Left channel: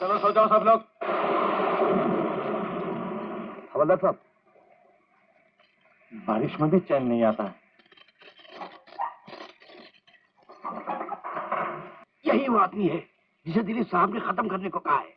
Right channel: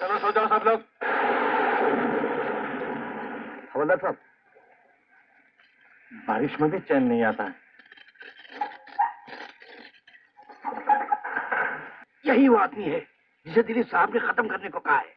चलो सो जाओ सब लोग। हवलदार साहब, बारिश में भी चैन नहीं आता है। यही वो आदमी है जिसे दिलीप साहब ने खत्म करने को कहा है।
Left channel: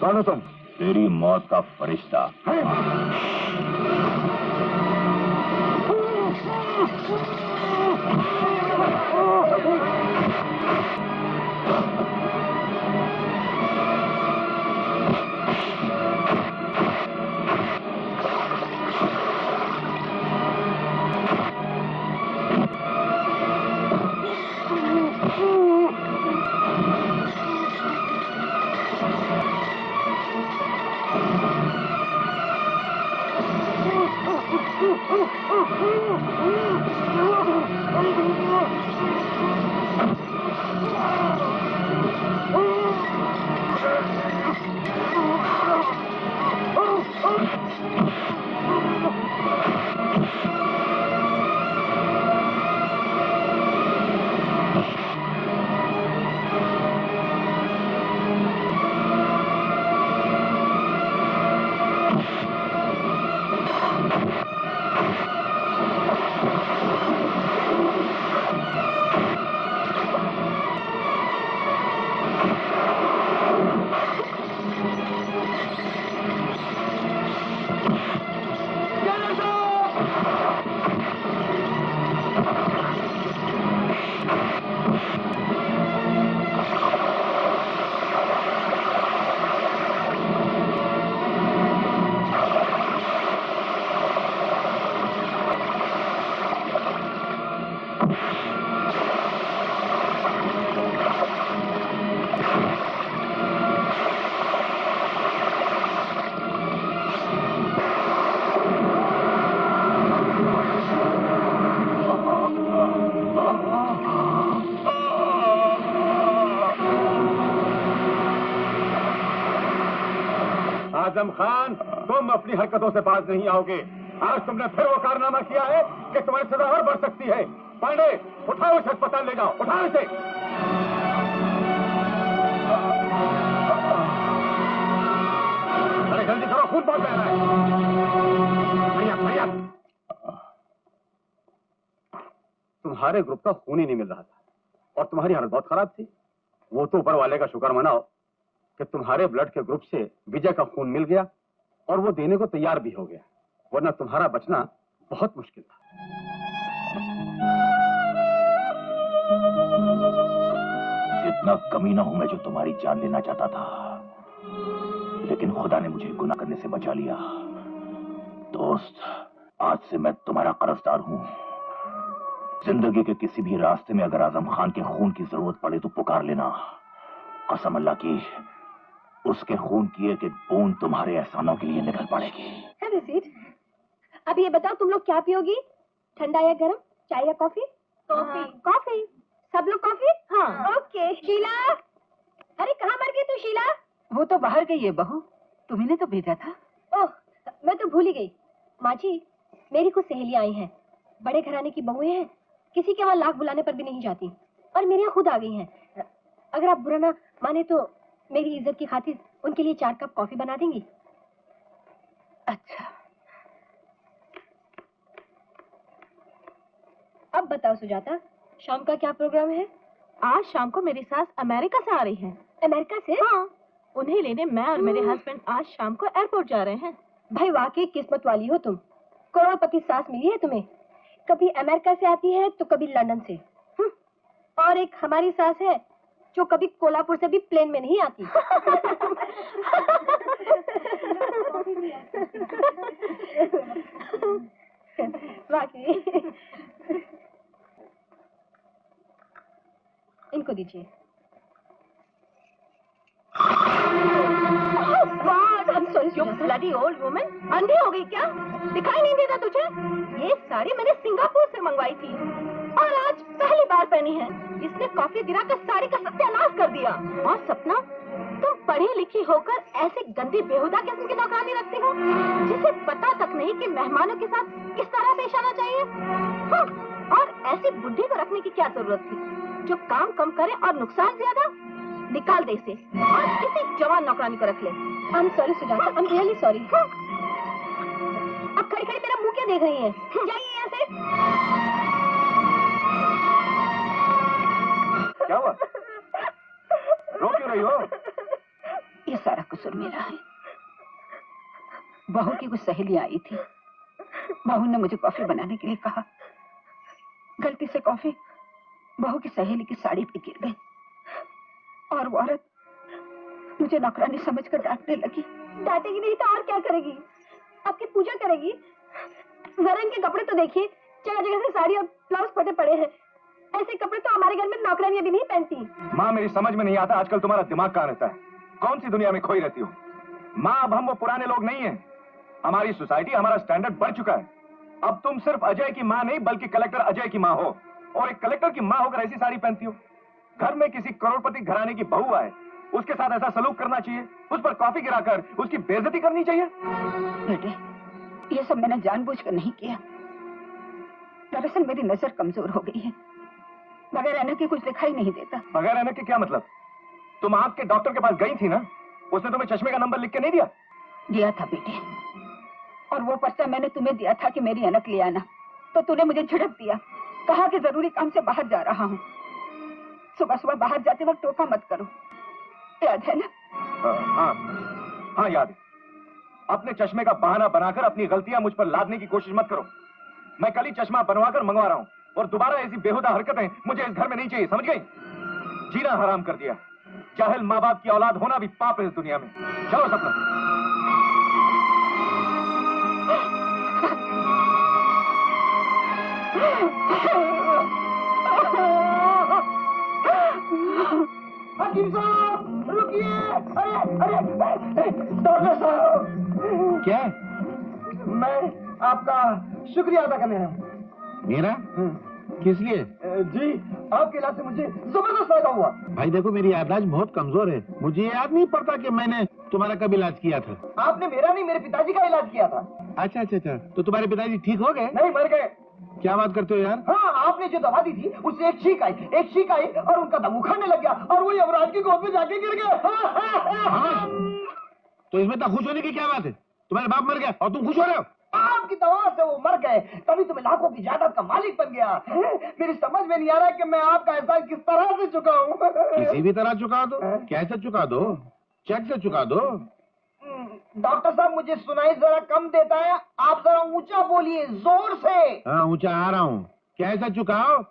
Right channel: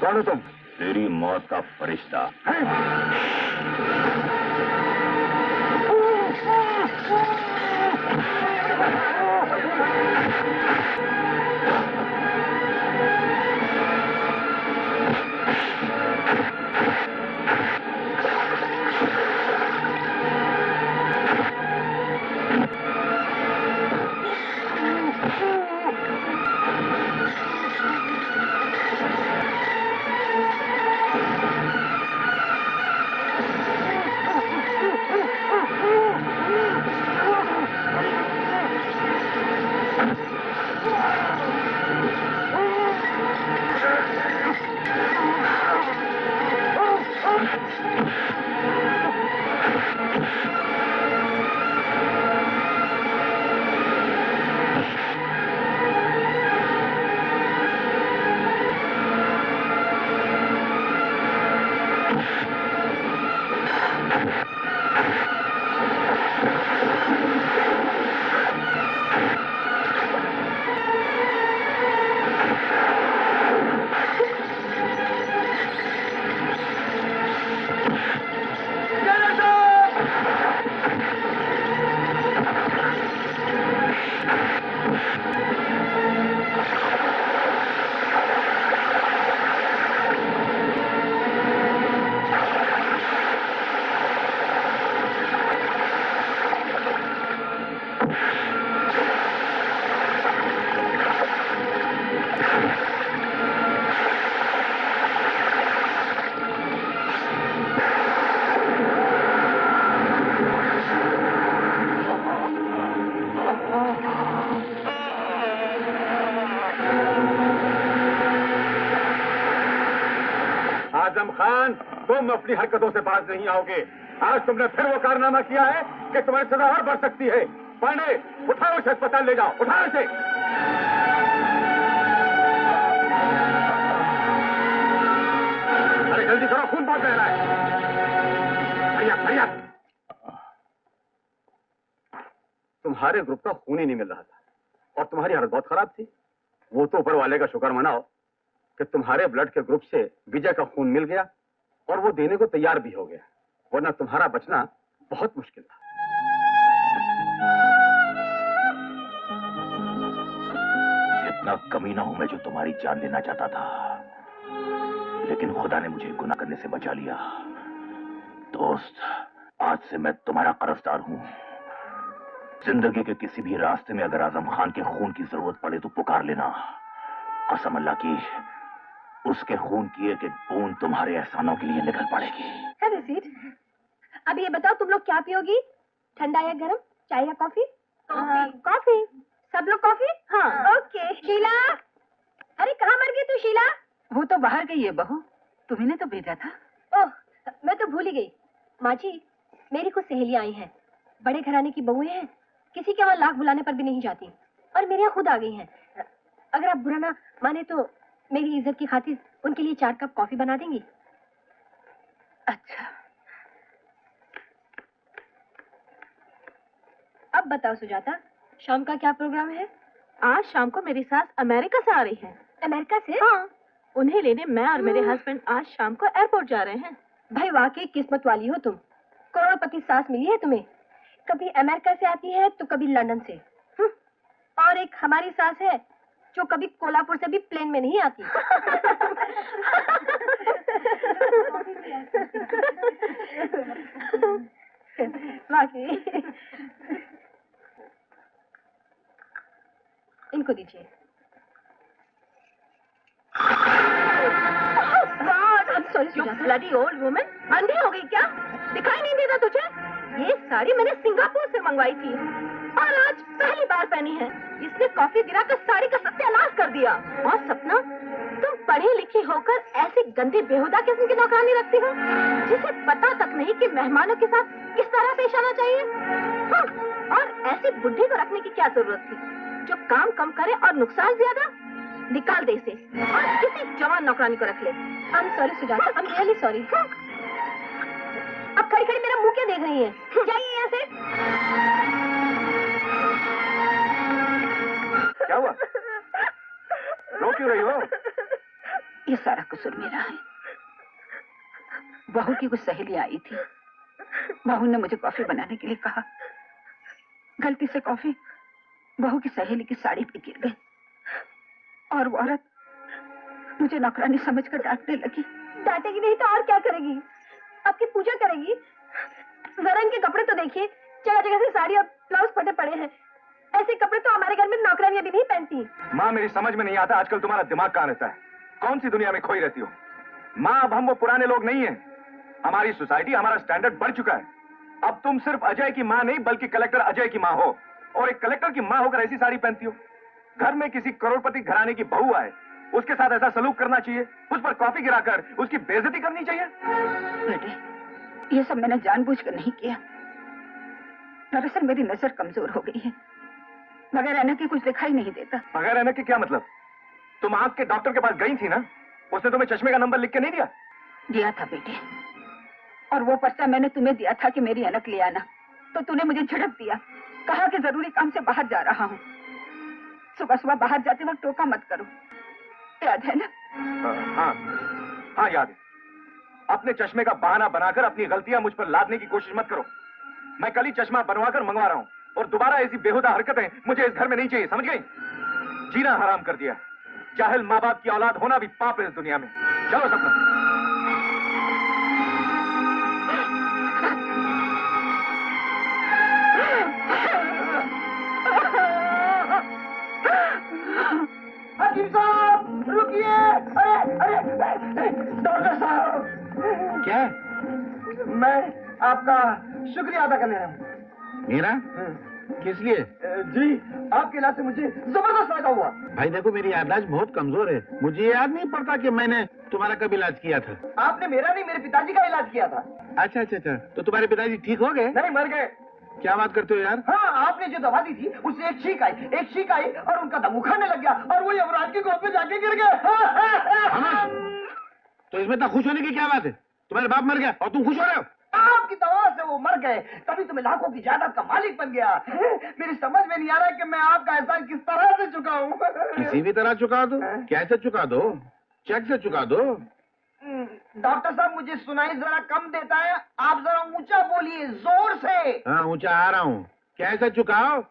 कौन हो तुम? तेरी मौत का फरिश्ता। आजम खान, तुम अपनी हरकतों से बाज नहीं आओगे। आज तुमने फिर वो कारनामा किया है कि तुम्हारी सजा और बढ़ सकती है। पांडे, उठाओ इसे अस्पताल ले जाओ, उठाओ इसे। अरे जल्दी करो, खून बहुत बह रहा है। हरिया। तुम्हारे ग्रुप का खून ही नहीं मिल रहा था और तुम्हारी हालत बहुत खराब थी। वो तो ऊपर वाले का शुक्र मनाओ कि तुम्हारे ब्लड के ग्रुप से विजय का खून मिल गया और वो देने को तैयार भी हो गया, वरना तुम्हारा बचना बहुत मुश्किल था। इतना कमीना हूं मैं जो तुम्हारी जान लेना चाहता था, लेकिन खुदा ने मुझे गुनाह करने से बचा लिया। दोस्त, आज से मैं तुम्हारा कर्जदार हूं। जिंदगी के किसी भी रास्ते में अगर आजम खान के खून की जरूरत पड़े तो पुकार लेना। कसम अल्लाह की, उसके खून की एक एक बूंद तुम्हारे एहसानों के लिए निकल पड़ेगी। Have a seat. अब ये बताओ तुम लोग क्या पियोगी, ठंडा या गरम, चाय या कॉफी? कॉफी। सब लोग कॉफी? हाँ। ओके। शीला, अरे कहाँ मर गई तू शीला? वो तो बाहर गई है बहू, तुम्ही ने तो भेजा था। ओह, मैं तो भूल ही गई। माँ जी, मेरी कुछ सहेलियां आई हैं, बड़े घराने की बहुएं हैं, किसी के वहाँ लाख बुलाने पर भी नहीं जाती और मेरे यहाँ खुद आ गई हैं। अगर आप बुरा ना माने तो मेरी इज्जत की खातिर उनके लिए 4 कप कॉफी बना देंगी? अच्छा। अब बताओ सुजाता, शाम का क्या प्रोग्राम है? आज शाम को मेरी सास अमेरिका से आ रही है। अमेरिका से? हाँ, उन्हें लेने मैं और मेरे हस्बैंड आज शाम को एयरपोर्ट जा रहे हैं। भाई वाकई किस्मत वाली हो तुम, करोड़पति सास मिली है तुम्हें। कभी अमेरिका से आती है तो कभी लंदन से। और एक हमारी सास है जो कभी कोल्हापुर से भी प्लेन में नहीं आती। वाकई। इनको दीजिए। You bloody old woman, अंधी हो गई क्या? दिखाई नहीं देता तुझे? ये साड़ी मैंने सिंगापुर से मंगवाई थी और आज पहली बार पहनी है। इसने कॉफी गिराकर साड़ी का सत्यानाश कर दिया। और सपना, तुम पढ़ी लिखी होकर ऐसी गंदी बेहुदा किस्म की नौकरानी रखती हो, जिसे पता तक नहीं कि मेहमानों के साथ किस तरह पेश आना चाहिए। और ऐसी बुढ़ी को रखने की क्या जरूरत थी, जो काम कम करे और नुकसान ज्यादा। निकाल दे इसे और किसी जवान नौकरानी को रख ले। I am sorry Sujata, I am really sorry. अब खड़ी खड़ी मेरा मुंह क्या देख रही है? जाइए यहाँ से। क्या हुआ? रो क्यों रही हो? ये सारा कसूर मेरा है। बहू की कुछ सहेलियां आई थी, बहू ने मुझे कॉफी बनाने के लिए कहा। गलती से कॉफी बहू की सहेली की साड़ी पे गिर गई और वो औरत मुझे नौकरानी समझकर डांटने लगी। डांटेगी नहीं तो और क्या करेगी? आपकी पूजा करेगी। जरा इनके कपड़े तो देखिए, जगह जगह से साड़ी और ब्लाउज फटे पड़े हैं। ऐसे कपड़े तो हमारे घर में नौकरानियां भी नहीं पहनती। माँ, मेरी समझ में नहीं आता आजकल तुम्हारा दिमाग कहाँ रहता है? कौन सी दुनिया में खोई रहती हो? माँ, अब हम वो पुराने लोग नहीं हैं। हमारी सोसाइटी, हमारा स्टैंडर्ड बढ़ चुका है। अब तुम सिर्फ अजय की माँ नहीं, बल्कि कलेक्टर अजय की माँ हो। और एक कलेक्टर की माँ होकर ऐसी साड़ी पहनती हो? घर में किसी करोड़पति घराने की बहू आए, उसके साथ ऐसा सलूक करना चाहिए? उस पर कॉफी गिराकर उसकी बेइज्जती करनी चाहिए? बेटे, ये सब मैंने जानबूझकर नहीं किया। दरअसल मेरी नजर कमजोर हो गई है, बगैर ऐनक के कुछ दिखाई नहीं देता। बगैर ऐनक के क्या मतलब? तुम आंख के डॉक्टर के पास गई थी ना, उसने तुम्हें चश्मे का नंबर लिख के नहीं दिया? दिया था बेटे, और वो पर्चा मैंने तुम्हें दिया था कि मेरी ऐनक ले आना, तो तूने मुझे झिड़क दिया, कहा कि जरूरी काम से बाहर जा रहा हूँ। सुबह सुबह बाहर जाते वक्त टोका मत करो, याद है ना? हाँ याद है। अपने चश्मे का बहाना बनाकर अपनी गलतियां मुझ पर लादने की कोशिश मत करो। मैं कल ही चश्मा बनवाकर मंगवा रहा हूँ, और दोबारा ऐसी बेहुदा हरकतें मुझे इस घर में नहीं चाहिए, समझ गई? जीना हराम कर दिया। जाहिल माँ बाप की औलाद होना भी पाप है इस दुनिया में। चलो सपना। हकीम साहब रुकिए! अरे अरे डॉक्टर साहब! क्या? मैं आपका शुक्रिया अदा करने आया हूँ। मेरा? किस लिए? जी, आपके इलाज से मुझे जबरदस्त फायदा हुआ। भाई देखो, मेरी याददाश्त बहुत कमजोर है, मुझे याद नहीं पड़ता कि मैंने तुम्हारा कब इलाज किया था। आपने मेरा नहीं, मेरे पिताजी का इलाज किया था। अच्छा अच्छा अच्छा, तो तुम्हारे पिताजी ठीक हो गए? नहीं, मर गए। क्या बात करते हो यार? हाँ, आपने जो दवा दी थी उससे एक छींक आई और उनका दम उखाड़ने लग गया और वो यमराज की गोद में जाके गिर गए। तो इसमें इतना खुश होने की क्या बात है? तुम्हारे बाप मर गया और तुम खुश हो रहे हो? आपकी दवा से वो मर गए, तभी तुम्हें लाखों की जायदाद का मालिक बन गया। मेरी समझ में नहीं आ रहा कि मैं आपका एहसान किस तरह से चुकाऊं। किसी भी तरह चुका दो। कैसे चुका दो? चेक से चुका दो। डॉक्टर साहब, मुझे सुनाई जरा कम देता है, आप जरा ऊंचा बोलिए, जोर से। हाँ, ऊंचा आ रहा हूँ। कैसे चुकाओ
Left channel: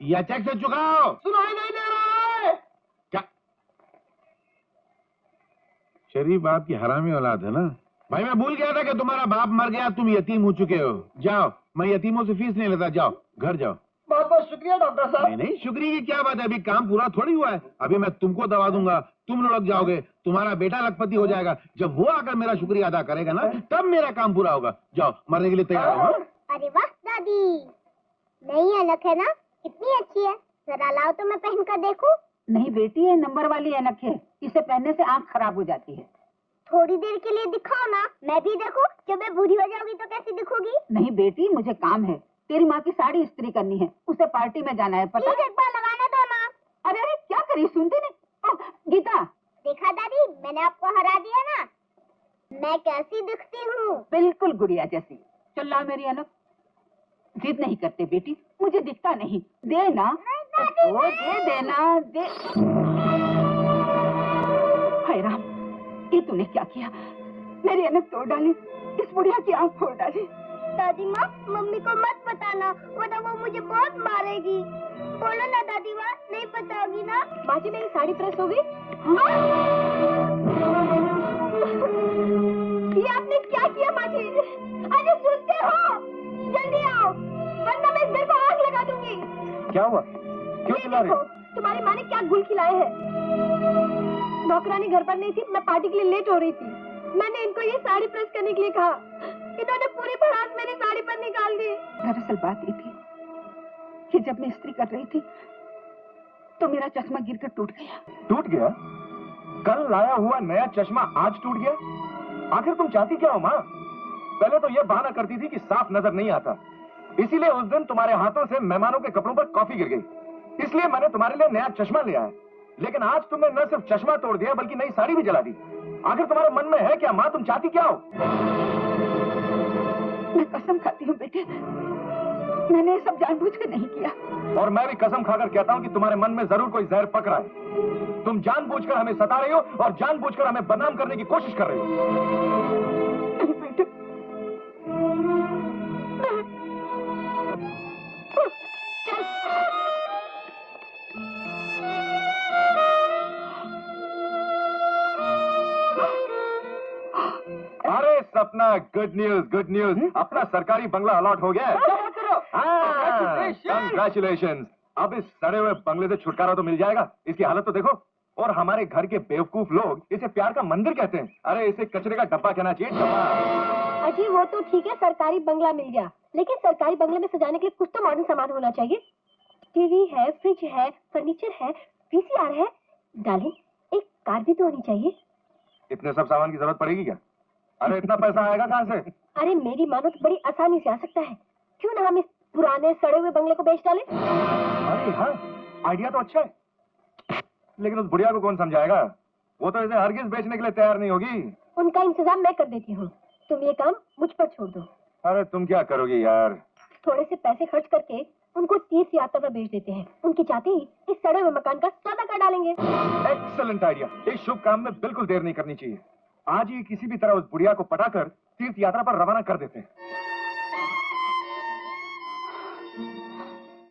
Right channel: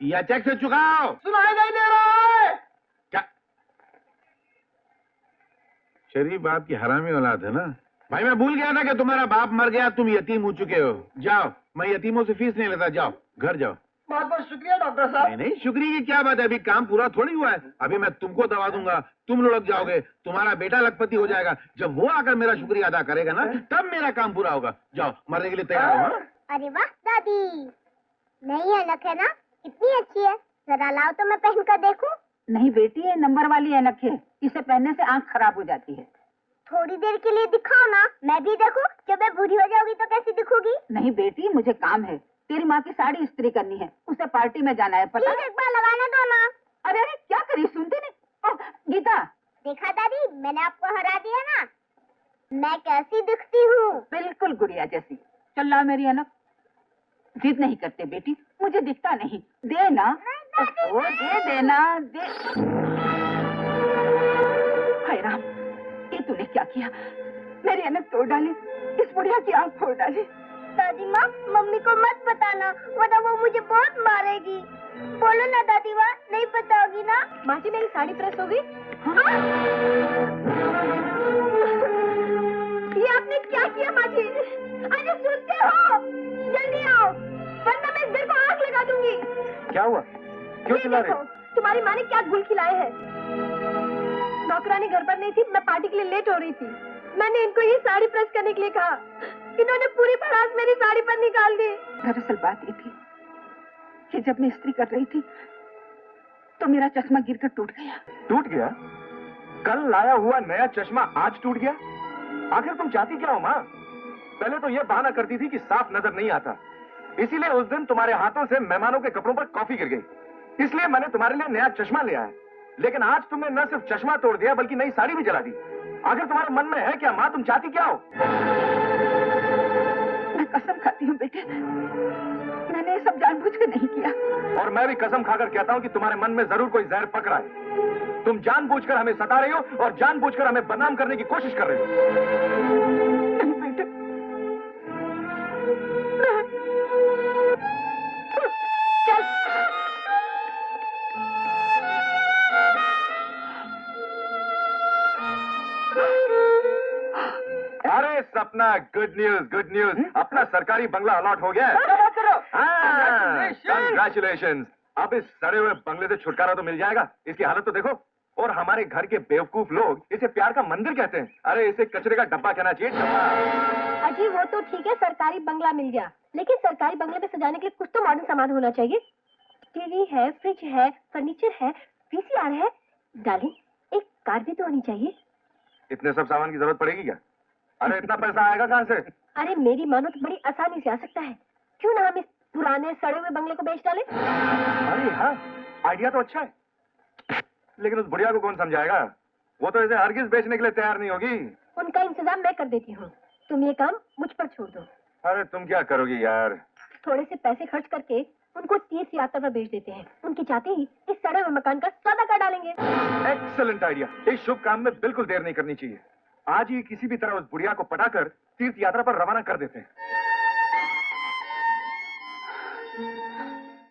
या चेक से चुकाओ? सुनाई नहीं दे रहा है। क्या? शरीफ बाप की हरामी औलाद है ना। भाई मैं भूल गया था कि तुम्हारा बाप मर गया, तुम यतीम हो चुके हो। जाओ, मैं यतीमों से फीस नहीं लेता, जाओ घर जाओ। बहुत बहुत शुक्रिया डॉक्टर साहब। नहीं नहीं, शुक्रिया की क्या बात है, अभी काम पूरा थोड़ी हुआ है। अभी मैं तुमको दवा दूंगा, तुम लुढ़क जाओगे, तुम्हारा बेटा लखपति हो जाएगा। जब वो आकर मेरा शुक्रिया अदा करेगा ना, तब मेरा काम पूरा होगा। जाओ, मरने के लिए तैयार हो। हाँ? अरे वाह दादी, नई ऐनक है ना, कितनी अच्छी है। जरा लाओ तो मैं पहन कर देखूं। नहीं बेटी, ये नंबर वाली ऐनक है, इसे पहनने से आंख खराब हो जाती है। थोड़ी देर के लिए दिखाओ ना, मैं भी देखूं। जब मैं बूढ़ी हो जाऊंगी तो कैसी दिखूंगी? नहीं बेटी, मुझे काम है, तेरी माँ की साड़ी इस्त्री करनी है, उसे पार्टी में जाना है, पता प्लीज है? एक बार लगाने दो ना। अरे अरे क्या करी, सुनती नहीं? ओह, गीता, देखा दादी, मैंने आपको हरा दिया ना। मैं कैसी दिखती हूँ? बिल्कुल गुड़िया जैसी। चल ला मेरी ऐनक। जिद नहीं करते बेटी, मुझे दिखता नहीं, दे ना। ओ, दे देना, दे। हाय राम, ये तूने क्या किया? मेरी ऐनक तोड़ डाली, इस बुढ़िया की आंख फोड़ डाली। दादी माँ, मम्मी को मत बताना, वरना वो मुझे बहुत मारेगी। बोलो ना दादी माँ, नहीं बताओगी ना? माँ जी, मेरी साड़ी प्रेस हो गई। ये आपने क्या किया माँ जी? अरे सुनते हो? जल्दी आओ, वरना मैं इस घर को आग लगा दूंगी। क्या हुआ? क्यों ये चिल्ला रहे? देखो, तुम्हारी माँ ने क्या गुल खिलाए हैं। नौकरानी घर पर नहीं थी, मैं पार्टी के लिए लेट हो रही थी। मैंने इनको ये साड़ी प्रेस करने के लिए कहा, इन्होंने पूरी भड़ास मेरी साड़ी पर निकाल दी। दरअसल बात ये थी कि जब मैं इस्त्री कर रही थी तो मेरा चश्मा गिरकर टूट गया। टूट गया? कल लाया हुआ नया चश्मा आज टूट गया। आखिर तुम चाहती क्या हो माँ? पहले तो यह बहाना करती थी कि साफ नजर नहीं आता, इसीलिए उस दिन तुम्हारे हाथों से मेहमानों के कपड़ों पर कॉफी गिर गई, इसलिए मैंने तुम्हारे लिए नया चश्मा ले आया। लेकिन आज तुमने न सिर्फ चश्मा तोड़ दिया बल्कि नई साड़ी भी जला दी। आखिर तुम्हारे मन में है क्या माँ? तुम चाहती क्या हो? मैं कसम खाती हूँ बेटे, मैंने ये सब जानबूझकर नहीं किया। और मैं भी कसम खाकर कहता हूँ कि तुम्हारे मन में जरूर कोई जहर पक रहा है। तुम जानबूझकर हमें सता रही हो और जानबूझकर हमें बदनाम करने की कोशिश कर रही हो। नहीं बेटे, चल अरे सपना, गुड न्यूज, अपना सरकारी बंगला अलॉट हो गया है। कंग्रेचुलेशन। अब इस सड़े हुए बंगले से छुटकारा तो मिल जाएगा। इसकी हालत तो देखो, और हमारे घर के बेवकूफ लोग इसे प्यार का मंदिर कहते हैं। अरे इसे कचरे का डब्बा कहना चाहिए, डब्बा। अजी वो तो ठीक है, सरकारी बंगला मिल गया, लेकिन सरकारी बंगले में सजाने के लिए कुछ तो मॉडर्न सामान होना चाहिए। टीवी है, फ्रिज है, फर्नीचर है, वीसीआर है। डार्लिंग, एक कार भी तो होनी चाहिए। इतने सब सामान की जरूरत पड़ेगी क्या? अरे इतना पैसा आएगा कहाँ से? अरे मेरी मानो तो बड़ी आसानी से आ सकता है। क्यों ना हम इस पुराने सड़े हुए बंगले को बेच डालें? अरे हाँ, आइडिया तो अच्छा है, लेकिन उस बुढ़िया को कौन समझाएगा? वो तो इसे हरगिज बेचने के लिए तैयार नहीं होगी। उनका इंतजाम मैं कर देती हूँ, तुम ये काम मुझ पर छोड़ दो। अरे तुम क्या करोगी यार? थोड़े से पैसे खर्च करके उनको तीर्थ यात्रा पर भेज देते हैं। उनके चाहते ही इस सड़े हुए मकान का सौदा कर डालेंगे। Excellent idea. इस शुभ काम में बिल्कुल देर नहीं करनी चाहिए। आज ही किसी भी तरह उस बुढ़िया को पटाकर तीर्थ यात्रा पर रवाना कर देते हैं।